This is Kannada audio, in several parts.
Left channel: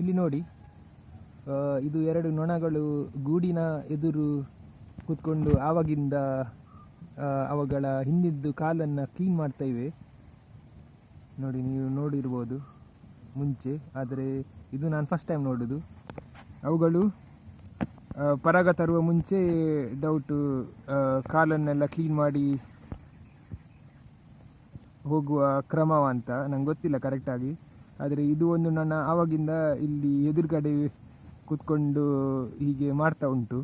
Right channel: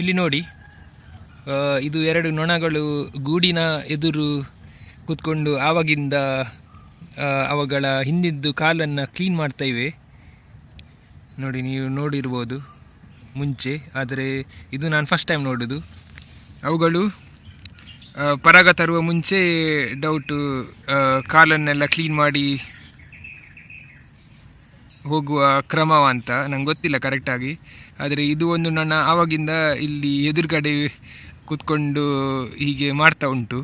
ಇಲ್ಲಿ ನೋಡಿ, ಇದು ಎರಡು ನೊಣಗಳು ಗೂಡಿನ ಎದುರು ಕೂತ್ಕೊಂಡು ಆವಾಗಿಂದ ಅವುಗಳ ಹಿಂದಿದ್ದು ಕಾಲನ್ನು ಕ್ಲೀನ್ ಮಾಡ್ತಾ ಇವೆ ನೋಡಿ. ನೀವು ನೋಡಿರ್ಬೋದು ಮುಂಚೆ, ಆದರೆ ಇದು ನಾನು ಫಸ್ಟ್ ಟೈಮ್ ನೋಡೋದು. ಅವುಗಳು ಪರಾಗ ತರುವ ಮುಂಚೆ ಡೌಟು ಕಾಲನ್ನೆಲ್ಲ ಕ್ಲೀನ್ ಮಾಡಿ ಹೋಗುವ ಕ್ರಮವಂತ ನಂಗೆ ಗೊತ್ತಿಲ್ಲ ಕರೆಕ್ಟಾಗಿ. ಆದರೆ ಇದು ಒಂದು ನನ್ನ ಆವಾಗಿಂದ ಇಲ್ಲಿ ಎದುರುಗಡೆ ಕೂತ್ಕೊಂಡು ಹೀಗೆ ಮಾಡ್ತಾ ಉಂಟು.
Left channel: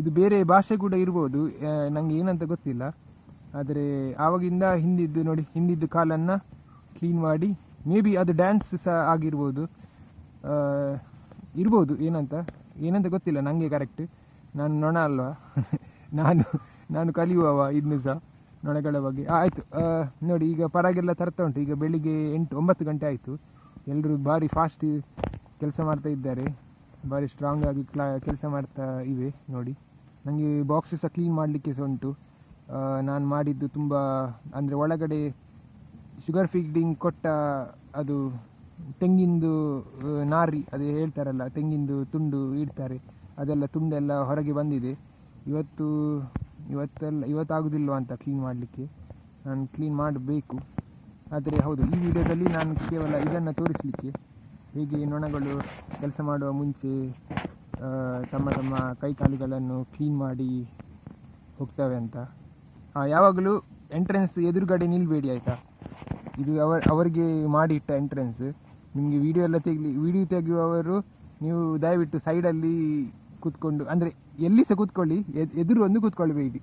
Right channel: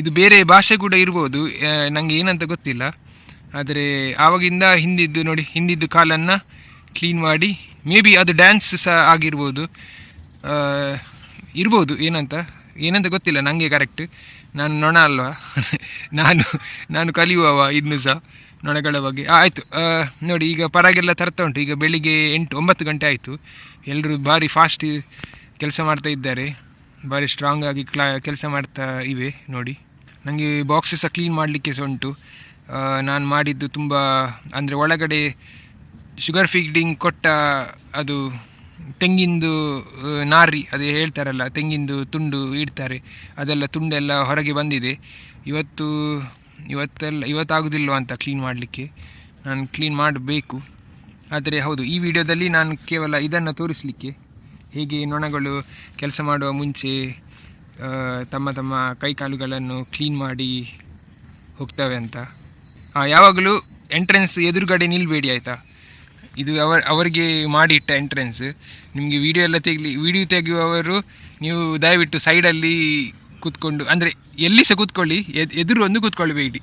ಇದು ಬೇರೆ ಭಾಷೆ ಕೂಡ ಇರ್ಬೋದು, ನನಗೆ ಏನಂತ ಗೊತ್ತಿಲ್ಲ. ಆದರೆ ಆವಾಗಿಂದ ಹಿಂದಿದ್ದು ನೋಡಿ, ಹಿಂದಿದ್ದು ಕಾಲನ್ನು ಕ್ಲೀನ್ ಮಾಡಿ, ಮೇ ಬಿ ಅದು ಡ್ಯಾನ್ಸ್ ಸಹ ಆಗಿರ್ಬೋದು, ಇರ್ಬೋದು. ಏನಂತ ಗೊತ್ತಿಲ್ಲ ನನಗೆ ಕರೆಕ್ಟ್. ನಾನು ನೊಣ ಅಲ್ವಾ ನಾನು ಕಲಿಯುವವ ಇನ್ನೂ ಸಹ ನೊಣಗಳ ಬಗ್ಗೆ. ಆಯಿತು ನೋಡಿ, ಈಗ ಪರಾಗೆಲ್ಲ ತರ್ತಾ ಉಂಟು. ಈಗ ಬೆಳಿಗ್ಗೆ 8-9 ಗಂಟೆ ಆಯಿತು. ಎಲ್ಲರೂ ಭಾರಿ ಫಾಸ್ಟ್ ಕೆಲಸ ಮಾಡ್ತಾ ಇದ್ದಾರೆ, ಭಾರಿ ಸ್ಟ್ರಾಂಗ್ ಆಗಿ ಕೆಲಸ ಮಾಡ್ತಾ ಇವೆ ನೋಡಿ. ನನಗೆ ಬಾಕ್ಸ್ ಸಹ ಕ್ಲೀನ್ ಮಾಡಲಿಕ್ಕೆ ಸಹ ಉಂಟು. ನಾನು ಮಾಡಿದ್ದು ತುಂಬ, ಅಂದರೆ ಒಳಗಡೆ ಶುಗರ್ ಫೀಡಿಂಗ್ ಕೊಟ್ಟ ಅದು ತೆಂಗಿಂದು ನಾರಿ, ಅದೇ ಹೇಳ್ತಾರಲ್ಲ, ತೆಂಗಿಂದು ತುಂಡು ಇಡ್ತಾರೆ, ಅದೆಲ್ಲ ತುಂಡೆಲ್ಲ ಹೊರಗೆ ಬಂದಿದೆ. ಇವತ್ತಾಗೋದಿಲ್ವ ಅಂತ ಕ್ಲೀನ್ ಮಾಡಲಿಕ್ಕೆ. ನಾನು ಕ್ಲೀನ್ ಮಾಡಬೇಕು. ಆದರೆ ಹೌದು, ಈ ವಿಡಿಯೋದಲ್ಲಿ ನಾನು ಕೇವಲ ಇದನ್ನು ತೋರಿಸಲಿಕ್ಕೆ, ಹೇಗೆ ನೊಣಗಳು ಕೆಲಸ ಮಾಡುವ ಮುಂಚೆ ತಮ್ಮ ಕೈಕಾಲುಗಳನ್ನು ಕ್ಲೀನ್ ಮಾಡಿ ಹೋಗ್ತವೆ ಅಂತ. ಯಾವಾಗಲೂ ಎಂಟ್ರೆನ್ಸ್ ಎದುರುಗಡೆ ನಿಲ್ಲಬೇಡಿ ಆಯಿತಾ. ಇದು ಅವರಿಗೆ ಮಾಡಿಟ್ಟ ಎಂಟ್ರೆನ್ಸ್. ನಿಮಗೆ ವಿಡಿಯೋ ತೆಗೆಯುವವರು ನೀವು ದಯವಿಟ್ಟು ಸೈಡಲ್ಲಿ ಕೂತ್ಕೊಂಡು, ಅಂದರೆ ಎಲ್ಲಿ ಸಹ ಕೂತ್ಕೊಳ್ಳಿ, ಎದುರು ಒಂದು ಕೂತ್ಕೊಳ್ಬೇಡಿ.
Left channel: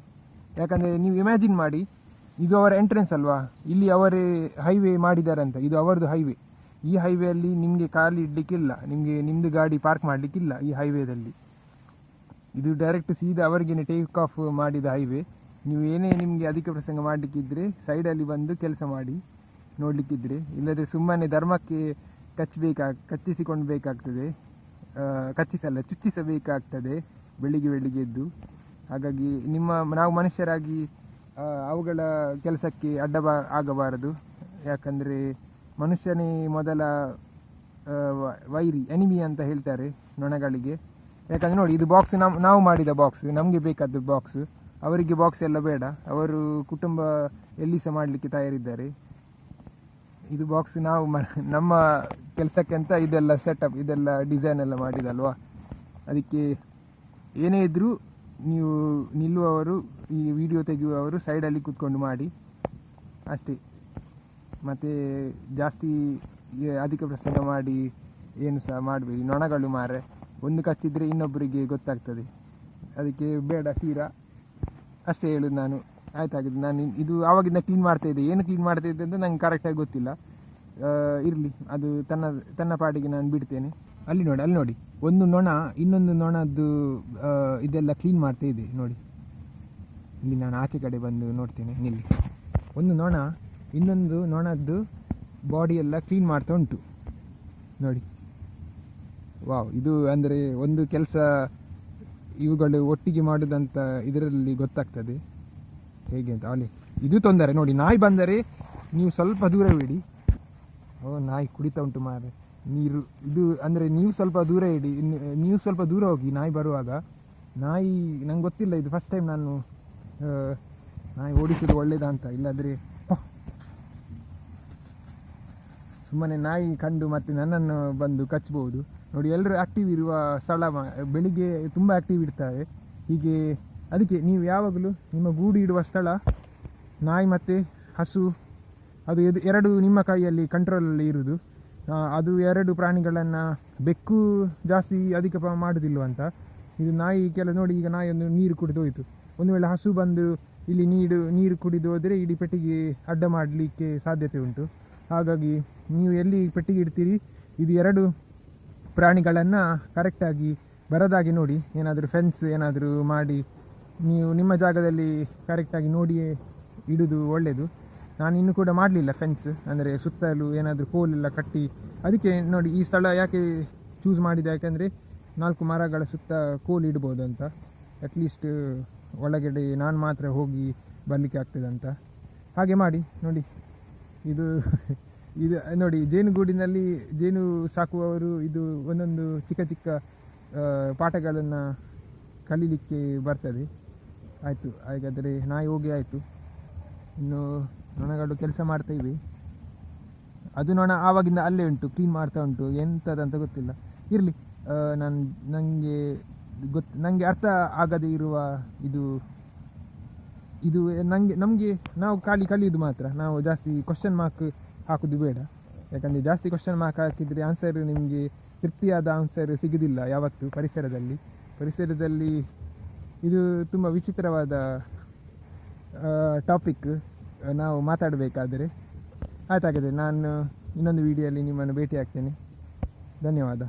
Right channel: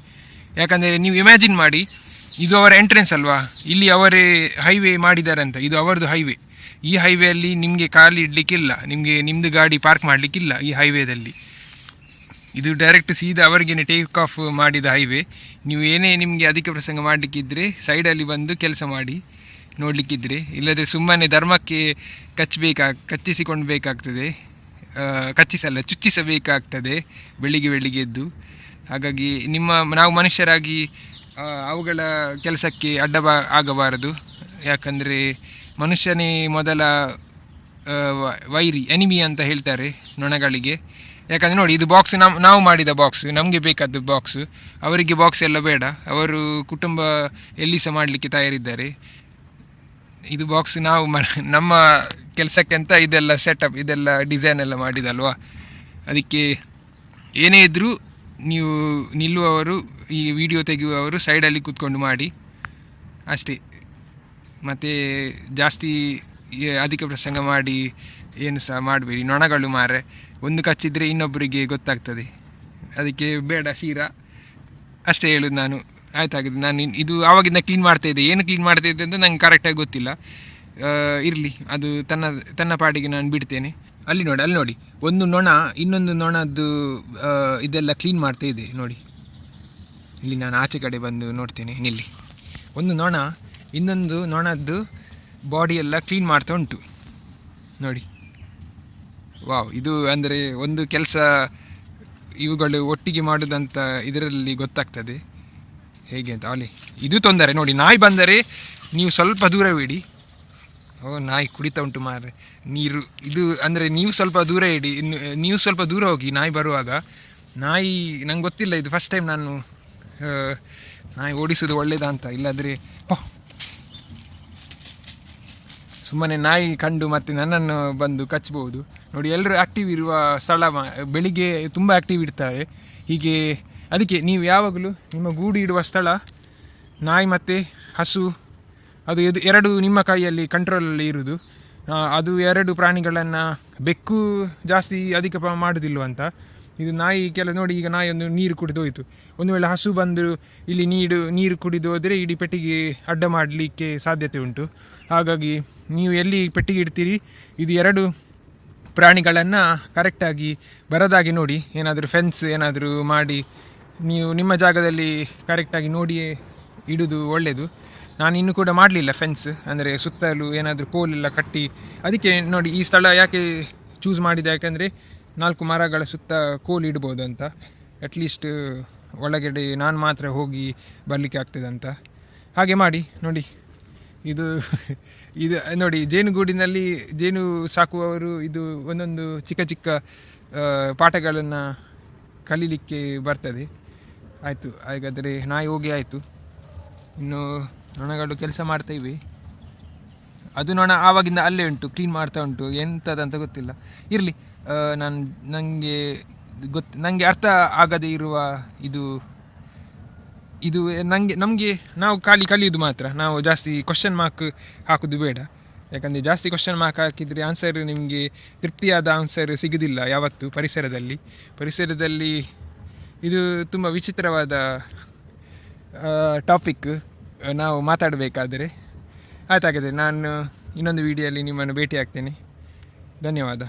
ಯಾಕಂದರೆ ನೀವು ಇಮ್ಯಾಜಿನ್ ಮಾಡಿ, ಇದು ಅವರ ಎಂಟ್ರೆನ್ಸ್ ಅಲ್ವಾ, ಇಲ್ಲಿ ಅವರೇ ಹೈವೇ ಮಾಡಿದ್ದಾರೆ ಅಂತ. ಇದು ಅವರದ್ದು ಹೈವೇ. ಈ ಹೈವೇಯಲ್ಲಿ ನಿಮಗೆ ಕಾಲಿಡಲಿಕ್ಕಿಲ್ಲ, ನಿಮ್ಮದು ಗಾಡಿ ಪಾರ್ಕ್ ಮಾಡಲಿಕ್ಕಿಲ್ಲ ಈ ಹೈವೇದಲ್ಲಿ. ಇದು ಡೈರೆಕ್ಟ್ ಸೀದಾ ಅವರಿಗೇನೆ ಟೇಕ್ ಆಫ್ ಮಾಡಿದ ಹೈವೇ. ನೀವು ಏನೇ ನಿಮಗೆ ಅಧಿಕ ಪ್ರಸಂಗ ಮಾಡಲಿಕ್ಕಿದ್ರೆ ಸೈಡಲ್ಲಿ ಬಂದು ಕೆಲಸ ಮಾಡಿ ನೋಡಲಿಕ್ಕಿದ್ರೆ, ಇಲ್ಲದೆ ಸುಮ್ಮನೆ ಧರ್ಮಕ್ಕೆ ಕಚ್ಚಿಸಿಕೊಳ್ಬೇಕಾಗ್ತದೆ, ಚುಚ್ಚಿಸಬೇಕಾಗ್ತದೆ ಬೆಳಿಗ್ಗೆ ಎದ್ದು. ಹಾಗಾಗಿ ನಾವು ಮನುಷ್ಯರಾಗಿ ಅವುಗಳ ಕೆಲಸಕ್ಕೆ ಆಗಬಾರದು. ಯಾಕಂದರೆ ಮನುಷ್ಯನೇ ಮೊದಲ ವೈರಿ, ಎನಿಮಿ ಅಂತ ಹೇಳ್ತಾರೆ ನೊಣಗಳಿಗೆ. ಯಾಕಂದರೆ ನೋಡಿ, ಇದು ಬಾಕ್ಸ್ ನಾವು ಮಾಡಿದ ಬಾಕ್ಸ್, ನಮಗೆ ಬೇಕಾದ ಬಾಕ್ಸ್. ಅವರಿಗೆ ಬಾಕ್ಸ್ ಎಲ್ಲ ಬೇಡ, ಅವರು ಕುಟುಂಬ ಎಲ್ಲಿ ಸಹ ಮಾಡಲಿಕ್ಕೆ ತಯಾರಿದ್ದಾರೆ. ಇದು ಬಾಕ್ಸ್ ನಾವು ನಮ್ಮ ಕೆಲಸಕ್ಕೆ ಅಂತ ಇದೆಲ್ಲ ಸೆಟಪ್, ಇದೆಲ್ಲ ಡಿಸೈನ್ ಎಲ್ಲ ಮಾಡಿದಲ್ವಾ. ಅದಕ್ಕೆ ಏನೇ ಇದ್ದರೂ ನೀವು ನಿಲ್ಲುವವರು, ಈ ವಿಡಿಯೋ ತೆಗೆಯುವವರು ಸೈಡಲ್ಲಿ ಕೂತ್ಕೊಂಡು ಮಾಡಿ ಅಷ್ಟೇ. ಮತ್ತು ಜಾಸ್ತಿ ಅಧಿಕ ಪ್ರಸಂಗ ಮಾಡಿ ಏನು ಸಹ ಮಾಡಬೇಡಿ. ನೊಣಗಳು ಮಾರೆ ಒಂದು ಕಚ್ಚಿದರೆ ಇನ್ನೊಬ್ಬರಿಗೆ ಗೊತ್ತಾಗ್ತದೆ, ಅದಕ್ಕೆ ಬೇಡ ಶೀರಾ. ಅಷ್ಟೇ ಹೇಳೋದು ನಾನು. ಆಯ್ತಾಗಿದೆ. ನಾನು ಇದು ಆವಾಗಿಂದ ಕ್ಲೀನ್ ಮಾಡ್ತಾಯಿದ್ದೆ. ಏನು ಕ್ಲೀನ್ ಮಾಡ್ತಾಯಿದ್ದೆ ಅಂತ ನಂಗೆ ಕರೆಕ್ಟಾಗಿ ಗೊತ್ತಿಲ್ಲ. ಇರಲಿ, ಅದು ತನ್ನ ಪಾಡಿಗೆ ನಾನು ಬಿಡ್ತೇನೆ. ಅಲ್ಲಿ ನೋಡಿ, ಒಂದು ನೊಣ ಇನ್ನೊಂದು ನೊಣದ್ದು ಇದೆಲ್ಲ ಕ್ಲೀನ್ ಮಾಡ್ತಾಯಿದೆ ನೋಡಿ. ಇಲ್ಲಿ ನಾನು ಆಚೆ ಕಡೆ ಬಂದು ನೋಡ್ತೇನೆ, ನಿಲ್ಲಿ. ಒಂದು ನೊಣ ಇನ್ನೊಂದು ನೊಣದ್ದು ಬಾಡಿಯೆಲ್ಲ ಕ್ಲೀನ್ ಮಾಡ್ತಾ ಉಂಟು ನೋಡಿ. ವಾವ್, ಇದು ಅಂದರೆ ಒಂದು ಕೆಲಸ ಇವುಗಳು ಒಟ್ಟಿಗೆ ಮಾಡೋದಂತ ಇದರಲ್ಲಿ ಗೊತ್ತಾಗ್ತದೆ ಹೇಗೆ ಅಂತ. ಅಲ್ಲಿ ಇದು ತೊಂದರೆ ನೋಡಿ, ನಾಯಿ ಬಂದರೆ ನೀವು ಸ್ವಲ್ಪ ದೂರವಿಡಿ. ನಾಯಿ ಕುಡಿತಾ ಉಂಟು ಮಾರ್ರೆ ನೀರು. ಇದು ಅಂದರೆ ನೀವು ಸ್ವಲ್ಪ ದೂರ ಇಡಿ, ನೀವು ಸ್ವಲ್ಪ ದೂರ ಹೋಗಿ ನಾಯಿ ಬರುವಾಗ. ನಾಯಿ ನಂಗೆ ಗೊತ್ತಿಲ್ಲ, ಇದು ಫಸ್ಟ್ ಟೈಮ್ ನಾನು ನಾಯಿ ಓಡಿಸೋದು ಒಳ್ಳೇದಾ ಅಂತ. ಇಲ್ಲಾದರೆ ಸುಮ್ಮನೆ ನಾಯಿ ಕಂಡು ಮತ್ತೆ ನನ್ನನ್ನು ಬಂದು ಕಚ್ಬೋದು ನೋಡಿ. ಎಲ್ಲರೂ ಆ್ಯಕ್ಟಿವ್ ಇರುವ ಸ್ಥಳ, ಬೆಳಿಗ್ಗೆ ತುಂಬ ಆ್ಯಕ್ಟಿವ್ ಇರ್ತಾರೆ ಹೀಗೆ. ಅದಕ್ಕೆ ನೀವು ಯಾವಾಗಲೂ ನಿಮ್ಮ ಗೂಡು ಇಡುವ ಸ್ಥಳ, ನಾಯಿ ಮತ್ತು ಹಸು, ಅದು ಎರಡು ನಿಮ್ಮ ಕೈಯಲ್ಲಿ ಕಂಟ್ರೋಲಲ್ಲಿ ಇರೋದು. ಅದು ಎರಡು ಪ್ರಾಣಿಗಳನ್ನು ಬೆಕ್ಕು ಜಾಸ್ತಿ ಅಧಿಕ ಮಾಡೋದಿಲ್ವಂತ. ಇದು ನಾಯಿ ನೋಡಿ, ಈಗ ನಾಯಿ ಒಂದು ನೀರು ಕುಡಿದು ಹೋಯಿತು. ಒಂದು ವೇಳೆ ಹಸು ಬಂದು ಇಲ್ಲಿ ನೀರು ಕುಡಿದು ಹೋದರೆ ಇಡೀ ಪೆಟ್ಟಿಗೆ ಅಡ್ಡ ಮಾಡಲಿಕ್ಕೆ ಸಾಧ್ಯತೆ ಉಂಟು. ಹಾಗಾಗಿ ನೀವು ಎಲ್ಲಿ ಪೆಟ್ಟಿಗೆ ಇಡ್ತೀರಿ, ಇದು ಎರಡು ಪ್ರಾಣಿಗಳನ್ನು ಕರೆಕ್ಟಾಗಿ ಬರದಾಗಿ ನೋಡಿ. ಏನಾದರೂ ಫೆನ್ಸ್ ಏನಾದರೂ ಮಾಡಿ ನೀವು ನಿಮ್ಮ ಜಾಗದಲ್ಲಿ ಕರೆಕ್ಟಾಗಿ ನೋಡಿಯೇ ಇಡೋದು ಒಳ್ಳೆಯದು. ನಾನು ಇನ್ನೂ ಕೂಡ ಮಾಡಲಿಲ್ಲ ಫೆನ್ಸ್, ಅಂದರೆ ಸುತ್ತಲೂ ಏನಾದರೂ ಕೋಲೆಲ್ಲ ಕಟ್ಟಿ. ಅದಕ್ಕೆ ನೋಡಿ, ಈ ಸ್ಥಳ ಯಾಕೆ ಚೂಸ್ ಮಾಡಿದೆ, ಯಾಕೆಂದರೆ 4 ಮರಗಳ ಸುತ್ತ ಕೋಲು ಇಡ್ಬೋದು ಅಂತ. ಅಟ್ಲೀಸ್ಟ್ ಒಳಗಡೆ ನಾನು ಮಾತ್ರ ಹೋಗಿ ಬರಲಿಕ್ಕೆ ಆಗ್ತದೆ ಅಂತ. ಹಾಗೆ ಮಾಡಿ ನೋಡಿ. ಇದು ಇದು ನೋಡಿ, ಜೇನುಗೂಡಿನಲ್ಲಿ ಜೇನು ಸಾಕುವವರು ಇದು ಒಂದೊಂದು ಚಿಕ್ಕ ಚಿಕ್ಕ ಪಾಠಗಳನ್ನು ಕಲೀಲಿಕ್ಕೆ ಬರ್ತದೆ. ಆಯಿತು, ಹಾಗಾದರೆ ನಾಯಿ ಹೋಗಿ ಆಯಿತು. ಇನ್ನು ನೊಣಗಳು ಕೆಲಸ ಮಾಡ್ತಾ ಇವೆ. ಅದು ನೊಣ ಆವಾಗಿಂದ ಅಲ್ಲೇ ಉಂಟು, ಕ್ಲೀನ್ ಮಾಡ್ತಾ ಉಂಟು, ಎಂಥದಂತ ಗೊತ್ತಿಲ್ಲ. ಇರಲಿ, ನನಗೆ ಅರ್ಥ ಆಗದೇ ಇರುವ ಇದು ನಮಗೆ ನಾವು ಕಲಿಯೋದು ಮಾತ್ರ. ನಾವು ಜಾಸ್ತಿ ಕ್ವಶನ್ ಮಾರ್ಕ್ ಹಾಕೋದು ಬೇಡ. ಯಾಕಂದರೆ ಜಾಸ್ತಿ ಕ್ವಶನ್ ಮಾರ್ಕ್ ಹಾಕಿದರೆ ಆನ್ಸರ್ ನಿಮಗೆ ತೃಪ್ತಿಯಾದ ಆನ್ಸರ್ ಸಿಗೋದಿಲ್ಲ ಯಾವತ್ತು. ಪರಿಸರದಲ್ಲಿ ಇದು ತುಂಬ ವಿಚಿತ್ರವಾದ ಟಾಪಿಕ್ ನಾವು ಮಾತಾಡಬೇಕಾದರೆ. ಆಯ್ತಾಗಿದೆ, ನಾನು ಇನ್ನೊಂದು ವಿಡಿಯೋಲಿ ನಿಮ್ಮನ್ನು ಭೇಟಿ ಆಗ್ತೇನೆ. ಧನ್ಯವಾದ.